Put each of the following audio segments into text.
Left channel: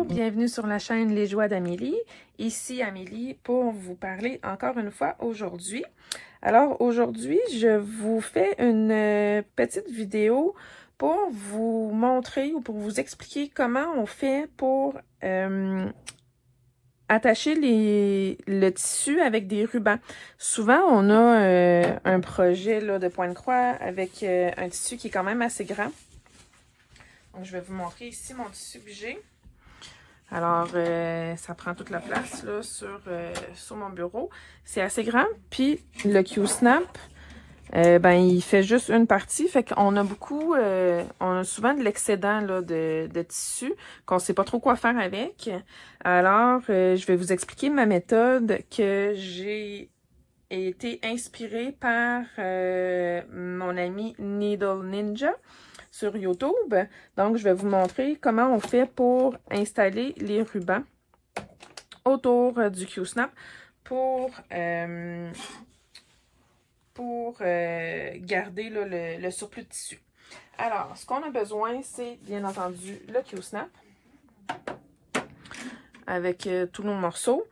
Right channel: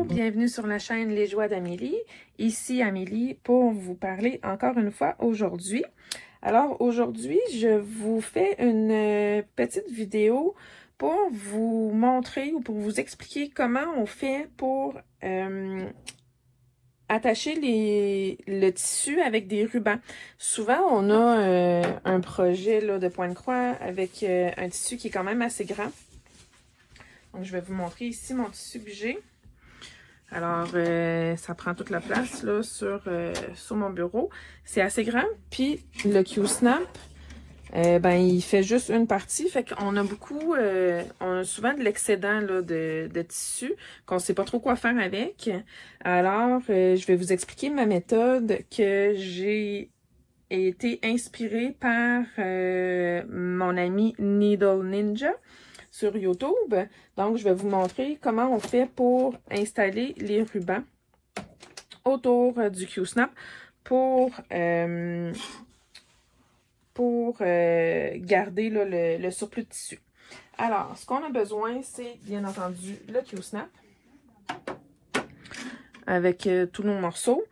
Bonjour, bienvenue sur la chaîne Les Joies d'Amélie. Ici Amélie pour vous parler encore une fois aujourd'hui. Alors aujourd'hui, je vous fais une petite vidéo pour vous montrer ou pour vous expliquer comment on fait pour attacher le tissu avec des rubans. Souvent, on a un projet là, de point de croix avec un tissu qui est quand même assez grand. Donc, je vais vous montrer ici mon tissu que j'ai. Alors, ça prend toute la place là sur mon bureau. C'est assez grand. Puis, le Q-Snap, ben, il fait juste une partie. Fait qu'on a beaucoup, on a souvent de l'excédent de tissu qu'on ne sait pas trop quoi faire avec. Alors, je vais vous expliquer ma méthode que j'ai été inspirée par mon ami Needle Ninja sur YouTube. Donc, je vais vous montrer comment on fait pour installer les rubans autour du Q-Snap pour garder là, le surplus de tissu. Alors, ce qu'on a besoin, c'est bien entendu le Q-Snap avec tous nos morceaux.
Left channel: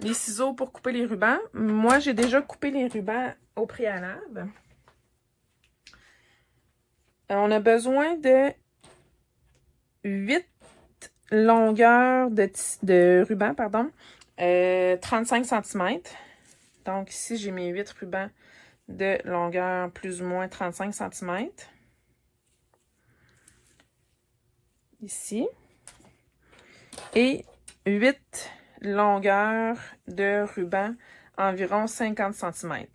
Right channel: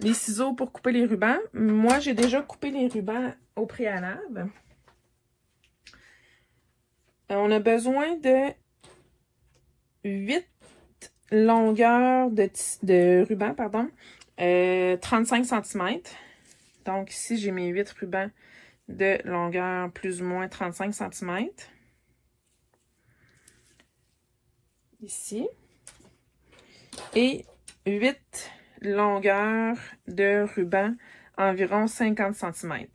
Les ciseaux pour couper les rubans. Moi, j'ai déjà coupé les rubans au préalable. On a besoin de 8 longueurs de ruban, pardon, 35 cm. Donc ici, j'ai mes 8 rubans de longueur plus ou moins 35 cm. Ici. Et 8 longueurs de ruban environ 50 cm.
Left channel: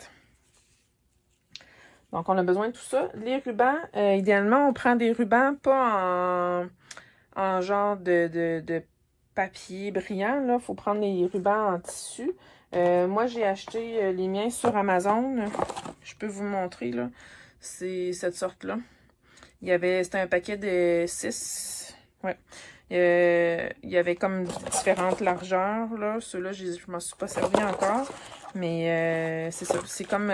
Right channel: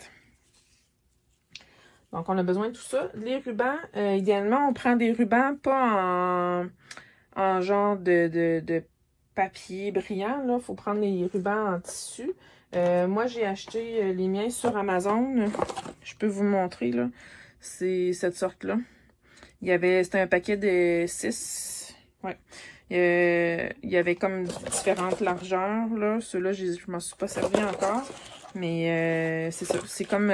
Donc, on a besoin de tout ça. Les rubans, idéalement, on prend des rubans pas en genre de papier brillant. Il faut prendre les rubans en tissu. Moi, j'ai acheté les miens sur Amazon. Je peux vous montrer, là. C'est cette sorte-là. C'était un paquet de 6. Ouais. Il y avait comme différentes largeurs, là. Ceux-là, je m'en suis pas servi encore. Mais c'est ça. C'est comme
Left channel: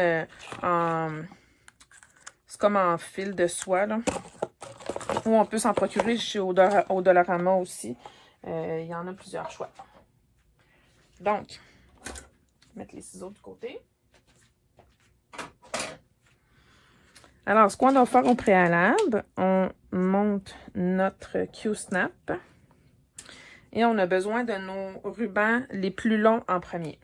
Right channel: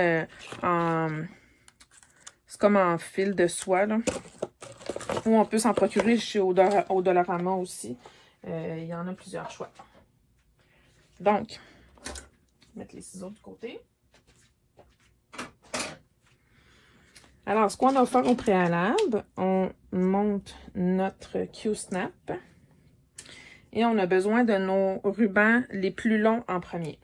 C'est comme en fil de soie, là. Ou on peut s'en procurer chez Dollarama aussi. Il y en a plusieurs choix. Donc, mettre les ciseaux du côté. Alors, ce qu'on va faire au préalable, on monte notre Q-Snap. Et on a besoin de nos rubans les plus longs en premier.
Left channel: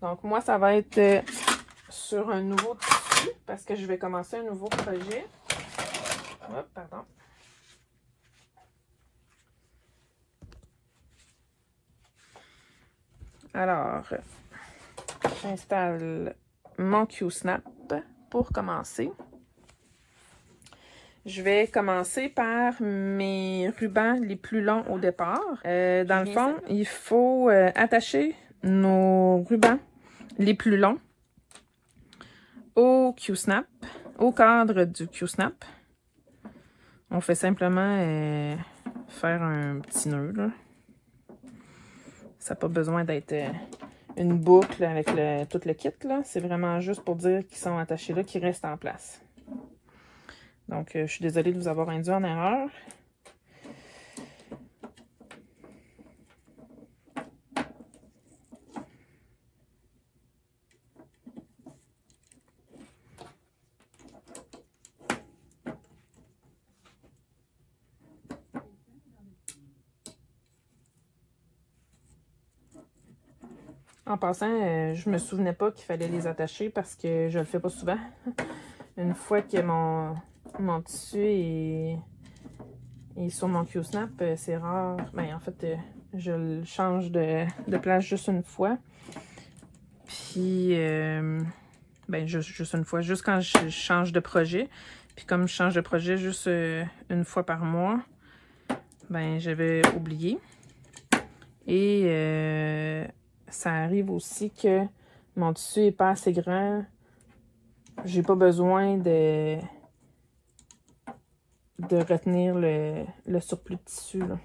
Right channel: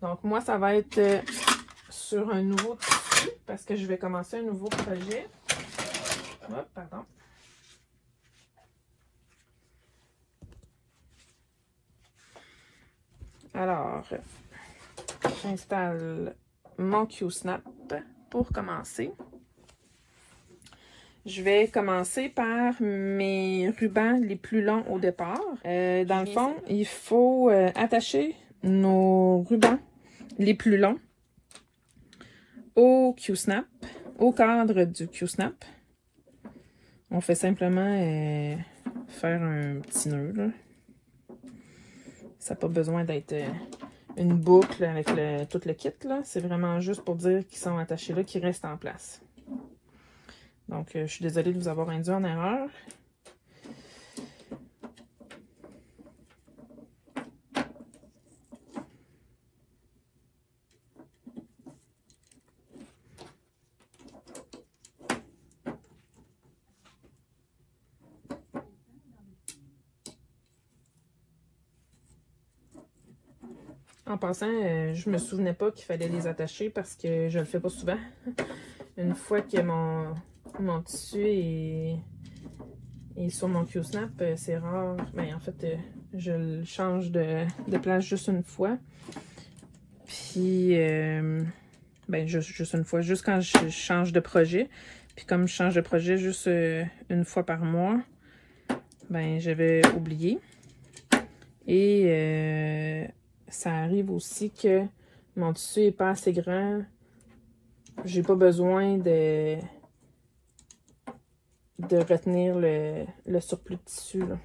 Donc, moi, ça va être sur un nouveau tissu parce que je vais commencer un nouveau projet. Hop, pardon. Alors, j'installe mon Q-Snap pour commencer. Je vais commencer par mes rubans les plus longs au départ. Dans le fond, il faut attacher nos rubans les plus longs au Q-Snap, au cadre du Q-Snap. On fait simplement faire un petit nœud, là. Ça n'a pas besoin d'être une boucle avec tout le kit, là. C'est vraiment juste pour dire qu'ils sont attachés là, qu'ils restent en place. Donc, je suis désolée de vous avoir induit en erreur. En passant, je me souvenais pas qu'il fallait les attacher parce que je le fais pas souvent. Une fois que mon tissu est sur mon Q-Snap, c'est rare. Ben, en fait, je le change de place juste une fois. Puis, ben, juste une fois, juste quand je change de projet. Puis comme je change de projet juste une fois par mois, ben, j'avais oublié. Et ça arrive aussi que mon tissu n'est pas assez grand. J'ai pas besoin de retenir le surplus de tissu, là.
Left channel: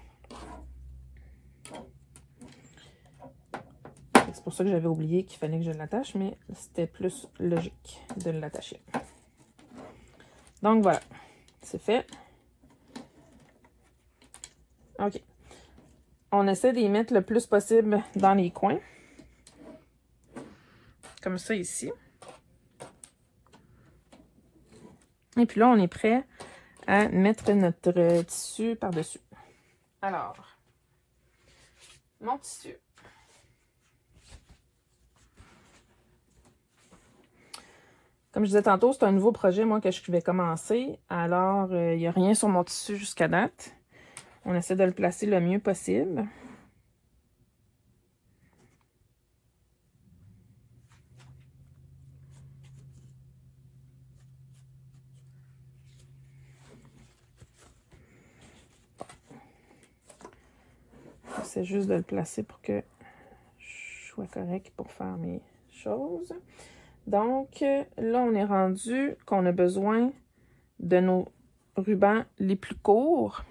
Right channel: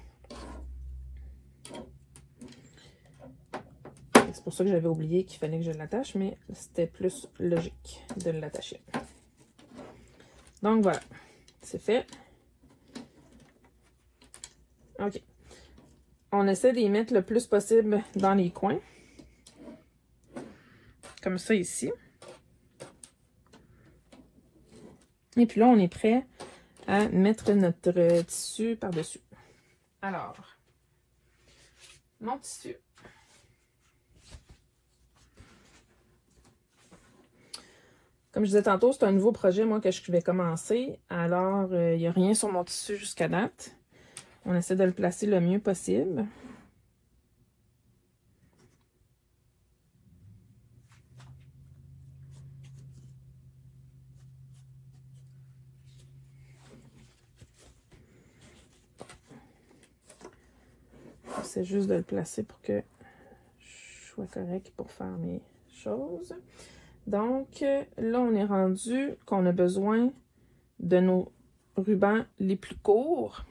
C'est pour ça que j'avais oublié qu'il fallait que je l'attache, mais c'était plus logique de l'attacher. Donc voilà, c'est fait. OK. On essaie de les mettre le plus possible dans les coins. Comme ça ici. Et puis là, on est prêt à mettre notre tissu par-dessus. Alors, mon tissu. Comme je disais tantôt, c'est un nouveau projet, moi, que je vais commencer. Alors, il n'y a rien sur mon tissu jusqu'à date. On essaie de le placer le mieux possible. J'essaie juste de le placer pour que je sois correct pour faire mes choses. Donc, là, on est rendu qu'on a besoin de nos rubans les plus courts.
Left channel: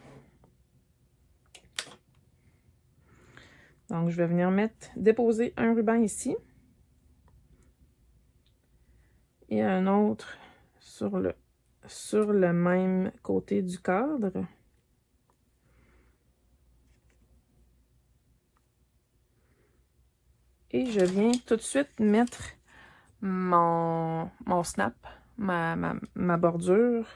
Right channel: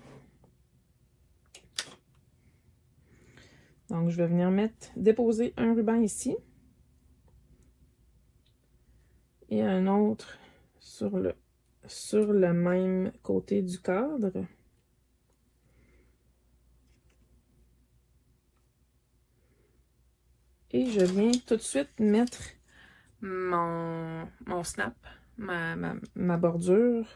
Donc, je vais venir déposer un ruban ici. Et un autre sur le même côté du cadre. Et je viens tout de suite mettre mon snap, ma bordure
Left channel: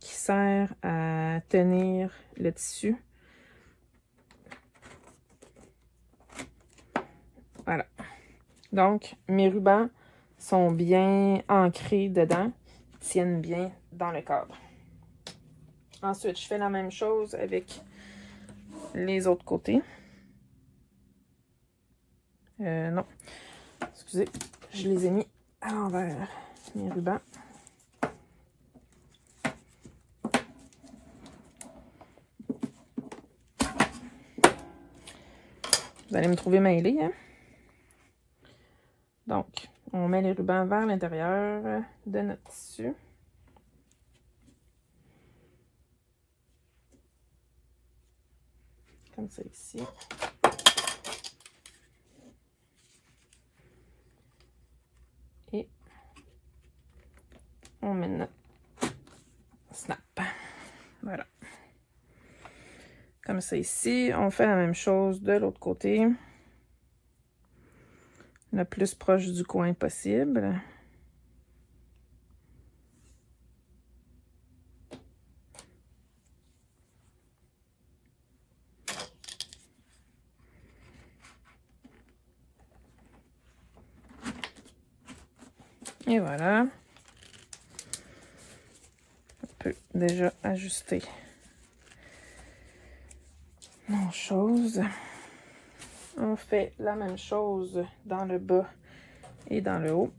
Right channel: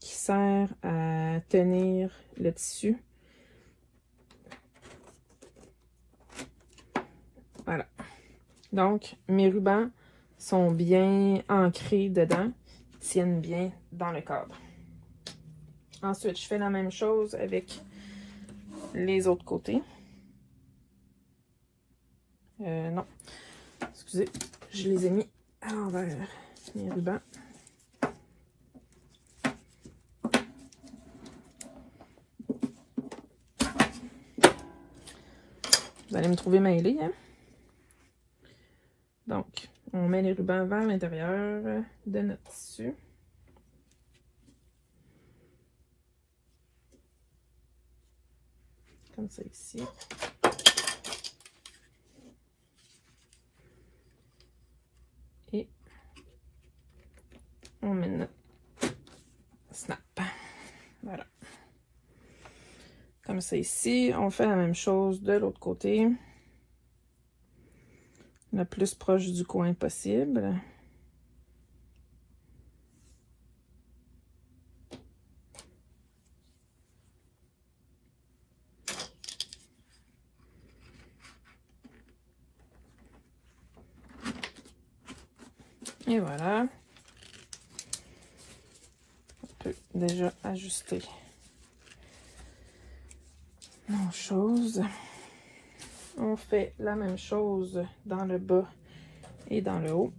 qui sert à tenir le tissu. Voilà. Donc, mes rubans sont bien ancrés dedans, tiennent bien dans le cadre. Ensuite, je fais la même chose avec les autres côtés. Non, excusez, je les ai mis à l'envers, mes rubans. Vous allez me trouver mêlée, hein? Donc, on met les rubans vers l'intérieur de notre tissu. Comme ça ici. Et on met notre snap. Voilà. Comme ça ici. On fait la même chose de l'autre côté. Le plus proche du coin possible. Et voilà. On peut déjà ajuster nos choses. On fait la même chose dans le bas et dans le haut.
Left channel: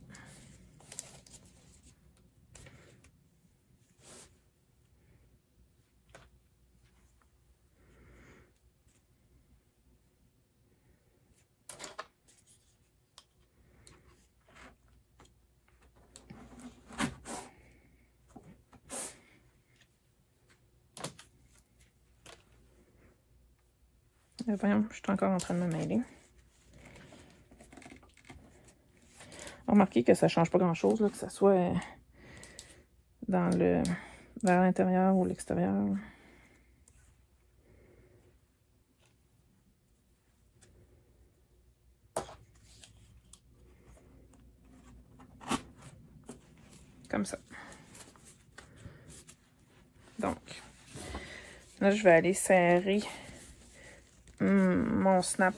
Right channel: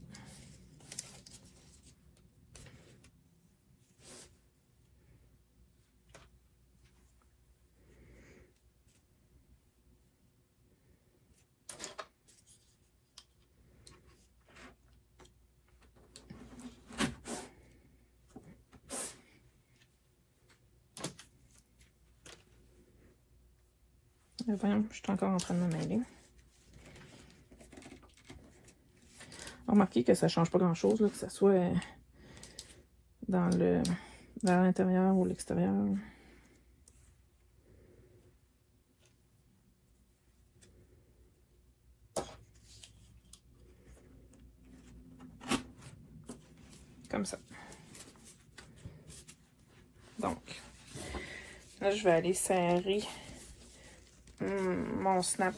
Voyons, je suis encore en train de me mêler. Remarquez que ça ne change pas grand-chose, que ce soit vers l'intérieur ou l'extérieur. Comme ça. Donc, là, je vais aller serrer mon snap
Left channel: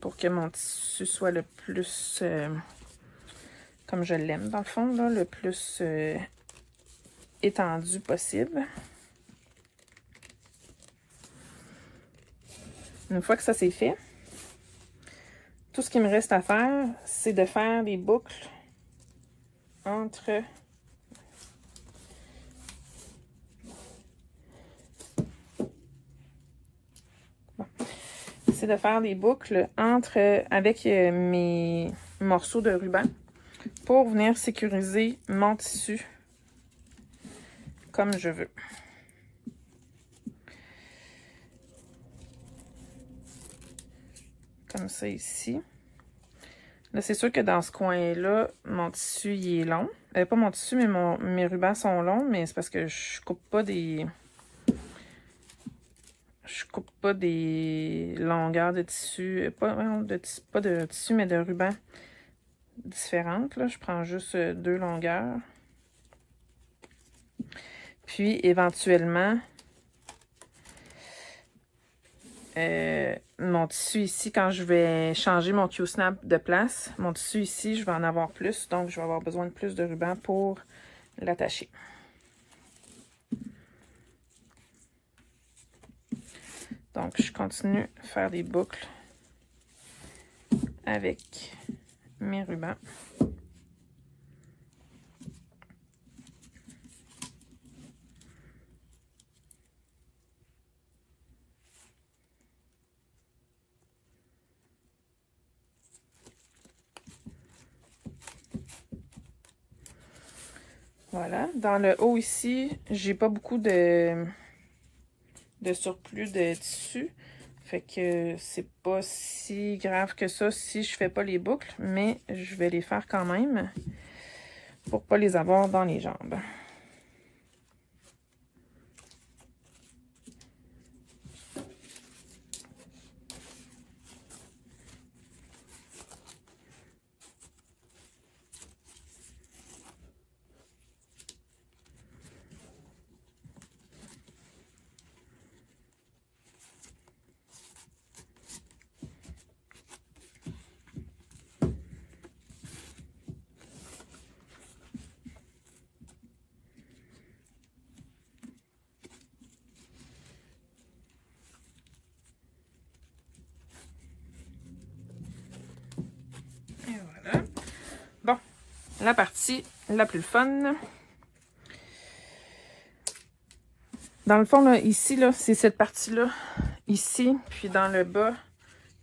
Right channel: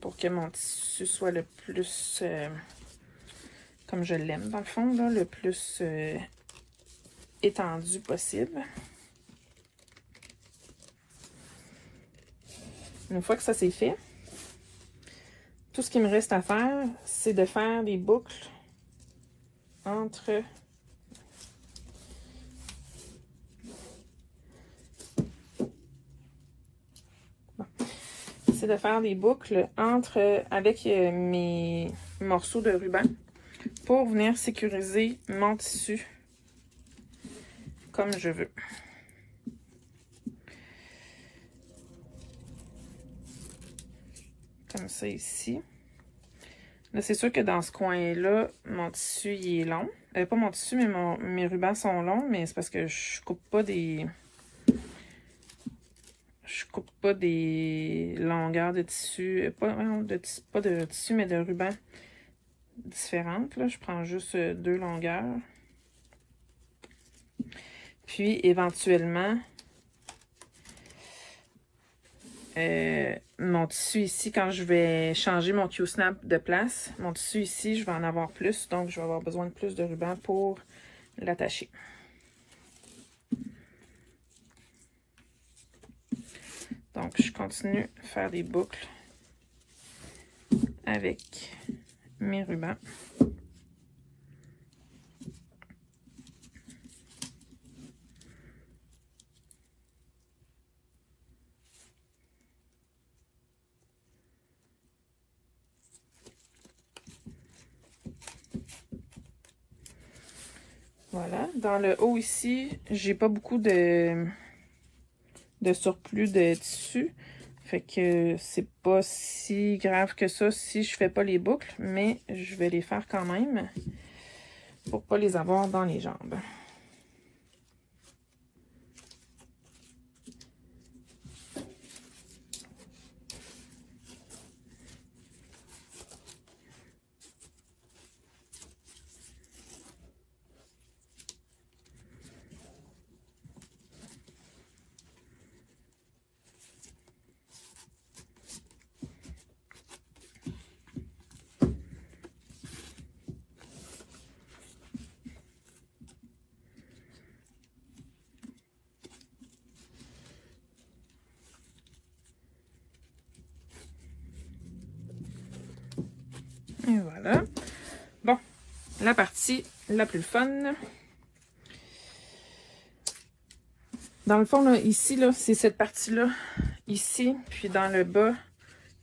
pour que mon tissu soit le plus, comme je l'aime dans le fond, là, le plus étendu possible. Une fois que ça c'est fait, tout ce qui me reste à faire, c'est de faire des boucles entre avec mes morceaux de ruban pour venir sécuriser mon tissu comme je veux. Comme ça ici. Là, c'est sûr que dans ce coin-là, mon tissu il est long. Pas mon tissu, mais mes rubans sont longs, mais c'est parce que je coupe pas des je coupe pas des longueurs de tissu, pas de tissu, mais de ruban différentes. Là. Je prends juste 2 longueurs. Puis, éventuellement, mon tissu ici, quand je vais changer mon Q-snap de place, mon tissu ici, je vais en avoir plus. Donc, je vais avoir besoin de plus de ruban pour l'attacher. Donc, je continue à faire des boucles avec mes rubans. Voilà. Dans le haut ici, j'ai pas beaucoup de surplus de tissu. Fait que c'est pas si grave que ça si je fais pas les boucles, mais je vais les faire quand même pour pas les avoir dans les jambes. Et voilà. Bon, la partie la plus fun. Dans le fond, là, ici, là, c'est cette partie-là, ici, puis dans le bas,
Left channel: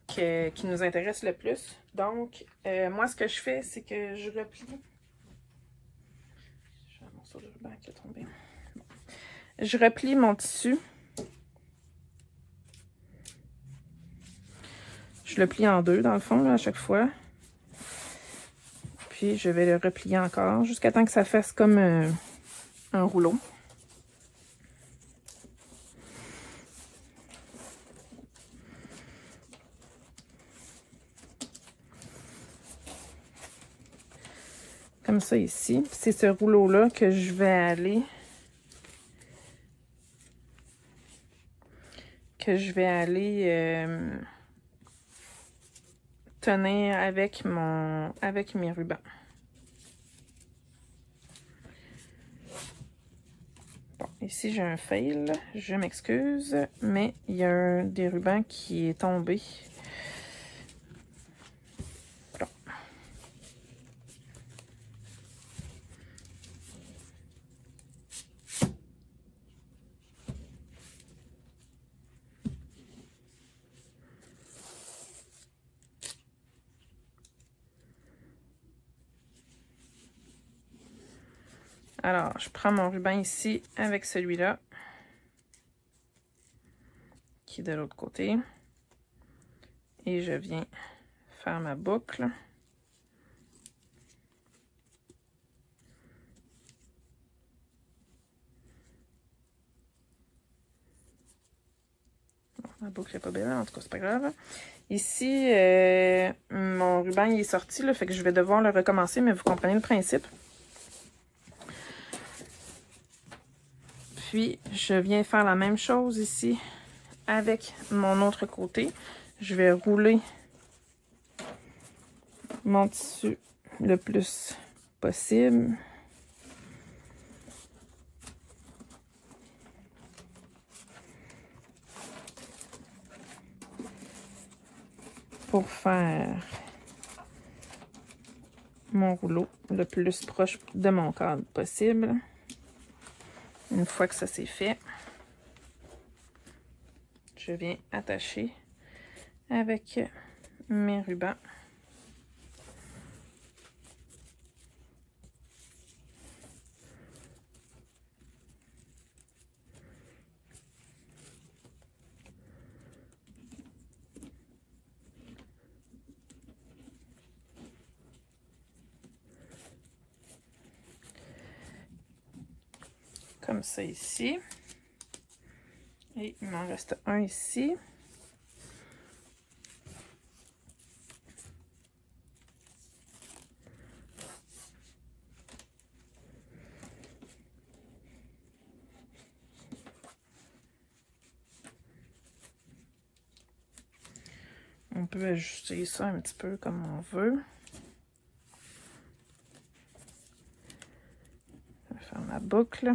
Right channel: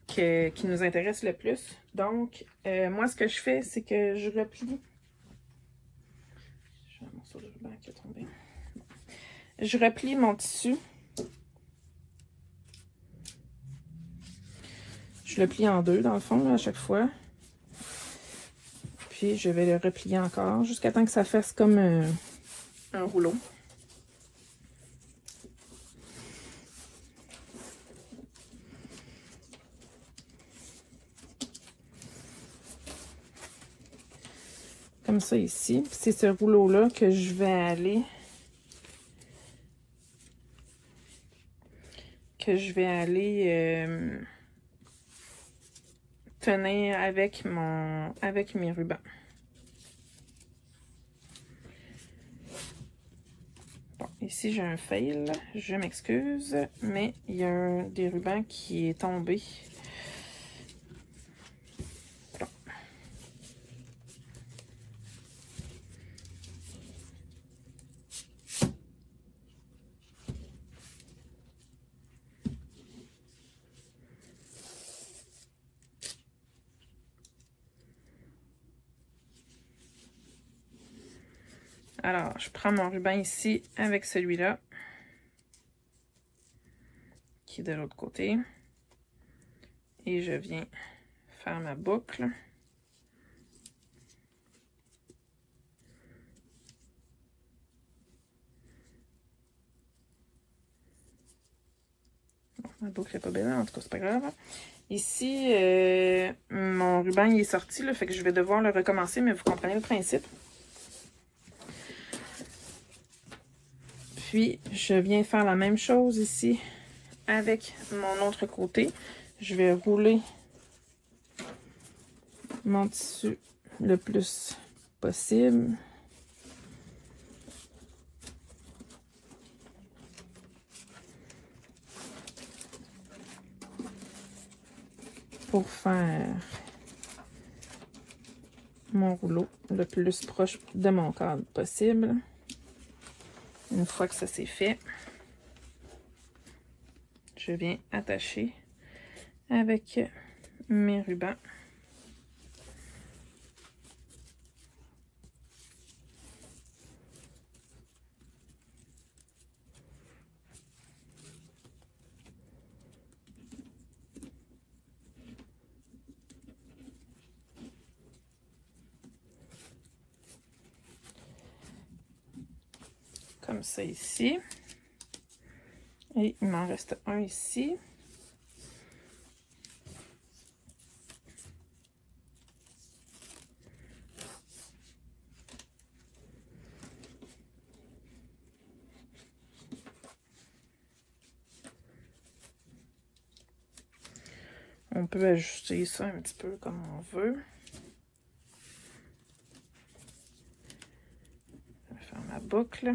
qui nous intéresse le plus. Donc, moi, ce que je fais, c'est que je replie. J'ai un morceau de ruban qui est tombé. Je replie mon tissu. Je le plie en 2, dans le fond, là, à chaque fois. Puis, je vais le replier encore jusqu'à temps que ça fasse comme un rouleau. Comme ça ici. C'est ce rouleau-là que je vais aller... tenir avec mes rubans. Bon, ici j'ai un fail, je m'excuse, mais il y a des rubans qui est tombé. Bon. Alors, je prends mon ruban ici avec celui-là, qui est de l'autre côté, et je viens faire ma boucle. Bon, ma boucle n'est pas belle, en tout cas, c'est pas grave. Ici, mon ruban il est sorti, là, fait que je vais devoir le recommencer, mais vous comprenez le principe. Puis, je viens faire la même chose ici avec mon autre côté. Je vais rouler mon tissu le plus possible. Pour faire mon rouleau le plus proche de mon cadre possible. Une fois que ça c'est fait, je viens attacher avec mes rubans. Comme ça ici. Et il m'en reste un ici. On peut ajuster ça un petit peu comme on veut. On va faire ma boucle.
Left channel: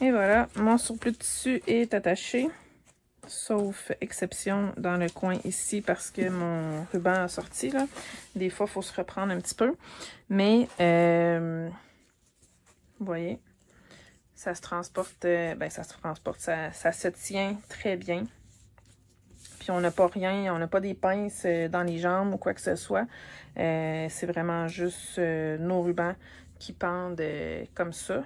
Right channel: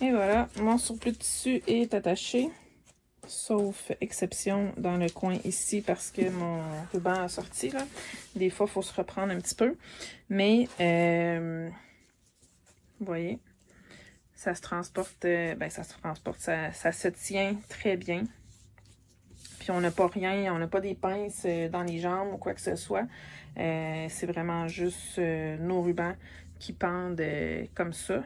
Et voilà, mon surplus de tissu est attaché. Sauf exception dans le coin ici parce que mon ruban a sorti, là. Des fois, il faut se reprendre un petit peu. Mais, vous voyez, ça se transporte, ça se tient très bien. Puis on n'a pas rien, on n'a pas des pinces dans les jambes ou quoi que ce soit. C'est vraiment juste nos rubans qui pendent comme ça.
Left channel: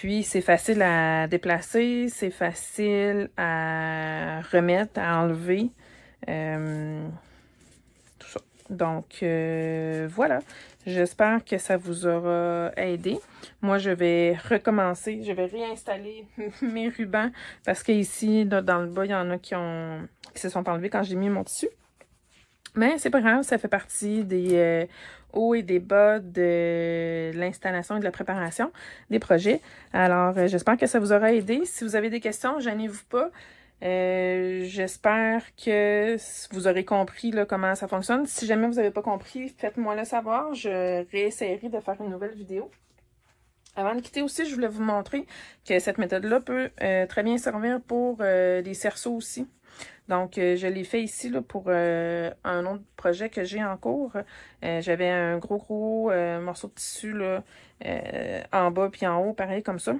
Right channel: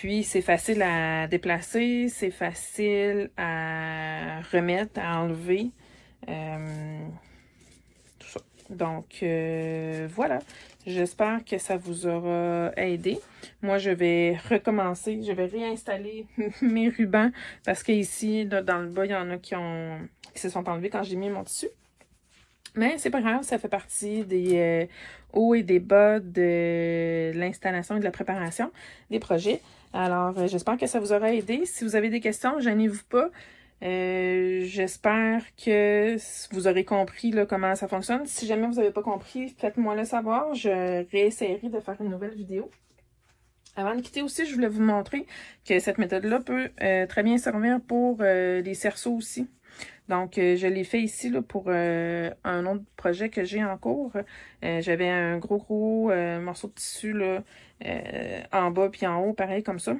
Puis, c'est facile à déplacer, c'est facile à remettre, à enlever. Tout ça. Donc, voilà. J'espère que ça vous aura aidé. Moi, je vais recommencer. Je vais réinstaller mes rubans parce qu'ici, dans le bas, il y en a qui se sont enlevés quand j'ai mis mon tissu. Mais c'est pas grave, ça fait partie des hauts et des bas de l'installation et de la préparation des projets. Alors, j'espère que ça vous aura aidé. Si vous avez des questions, gênez-vous pas. J'espère que vous aurez compris là, comment ça fonctionne. Si jamais vous n'avez pas compris, faites-moi le savoir. Je réessayerai de faire une nouvelle vidéo. Avant de quitter aussi, je voulais vous montrer que cette méthode-là peut très bien servir pour les cerceaux aussi. Donc, je l'ai fait ici là, pour un autre projet que j'ai en cours. J'avais un gros morceau de tissu là, en bas puis en haut, pareil comme ça.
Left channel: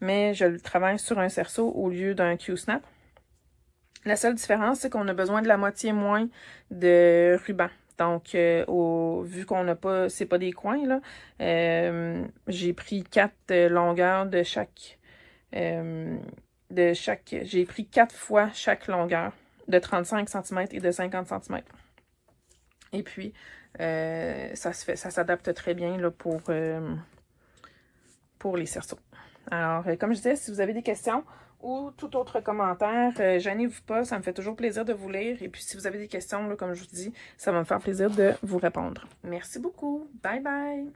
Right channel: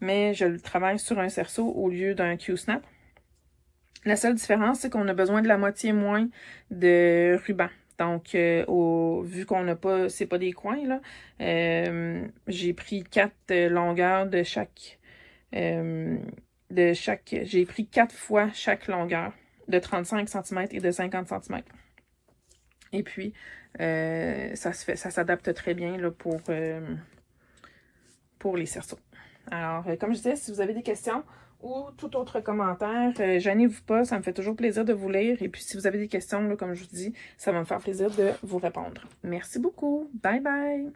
Mais je le travaille sur un cerceau au lieu d'un Q-snap. La seule différence, c'est qu'on a besoin de la moitié moins de ruban. Donc, vu qu'on n'a pas, c'est pas des coins, là, j'ai pris 4 longueurs de chaque, j'ai pris 4 fois chaque longueur de 35 cm et de 50 cm. Et puis, ça s'adapte très bien là, pour les cerceaux. Alors, comme je disais, si vous avez des questions ou tout autre commentaire, gênez-vous pas, ça me fait toujours plaisir de vous lire. Et puis, si vous avez des questions, là, comme je vous dis, ça va me faire plaisir de vous répondre. Merci beaucoup. Bye bye!